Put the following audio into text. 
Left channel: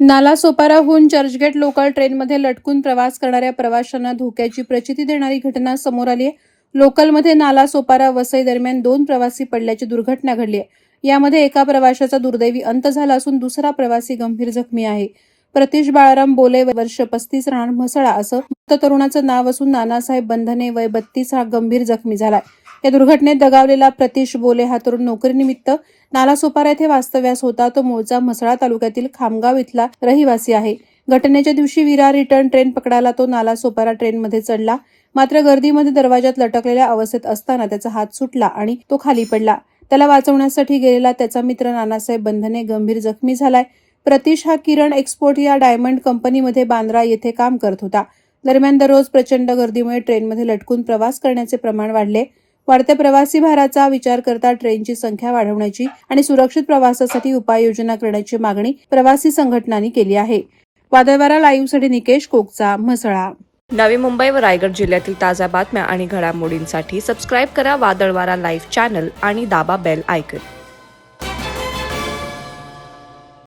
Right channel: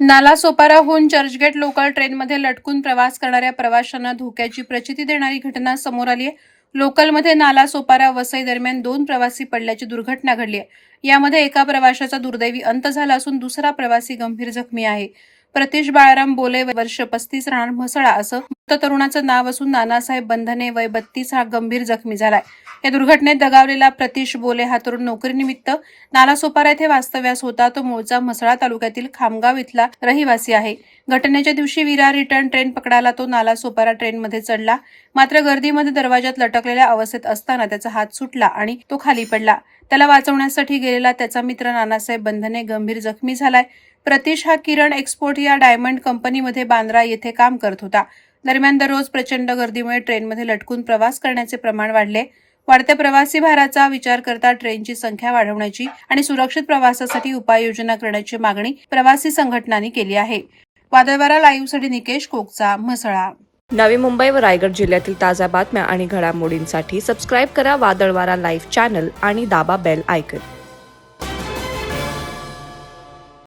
नालासोपाराहून Churchgate local ट्रेनमध्ये लटकून प्रवास करणाऱ्या प्रवाशांना धोक्याची प्रचिती देणारी घटना समोर आली आहे. लोकलमध्ये नालासोपारा वसई दरम्यान 2 प्रवासी पडल्याची दुर्घटना घडली आहे. यामध्ये एका प्रवाशाचा दुर्दैवी अंत झाला असून दुसरा प्रवासी गंभीर जखमी आहे. प्रतीश बाळाराम बोले, वर्ष 35, राहणार म्हसळा असं मृत तरुणाचं नाव असून नानासाहेब बंधने, वय 32, हा गंभीर जखमी झालाय. या दुर्घटनेत दगावलेला प्रतीश बोले हा तरुण नोकरीनिमित्त नालासोपारा येथे वास्तव्यास होता. तो मूळचा म्हसळा तालुक्यातील खामगाव इथला रहिवासी आहे. घटनेच्या दिवशी विरार रिटर्न ट्रेन पकडायला तो नालासोपारा ट्रेनमध्ये चढला. मात्र गर्दीमध्ये दरवाजात लटकलेल्या अवस्थेत असताना त्याचा हात सुटला आणि तो खाली पडला. त्याला वाचवण्यासाठी गेलेला त्याचा मित्र नानासाहेब बंधने गंभीर जखमी झालाय. प्रतीश हा किरण एक्सपोर्ट या डायमंड कंपनीमध्ये बांद्रा येथे काम करत होता. दरम्यान दररोज प्रचंड गर्दीमुळे ट्रेनमध्ये लटकून प्रवास करण्याचे प्रमाण वाढले. वाढत्या प्रवासी भाराचा विचार करता ट्रेनची संख्या वाढवण्याची आणि सुरक्षित प्रवासासाठी उपाययोजना करण्याची मागणी प्रवासी संघटनांनी केली आहे. वादळवारा लाईव्हसाठी निकेश कोकचा, म्हसळा. नवी मुंबई व रायगड जिल्ह्यातील ताज्या बातम्या आणि घडामोडींसाठी सबस्क्राईब करा वादळवारा लाईव्ह चॅनल आणि दाबा बेल आयकॉन.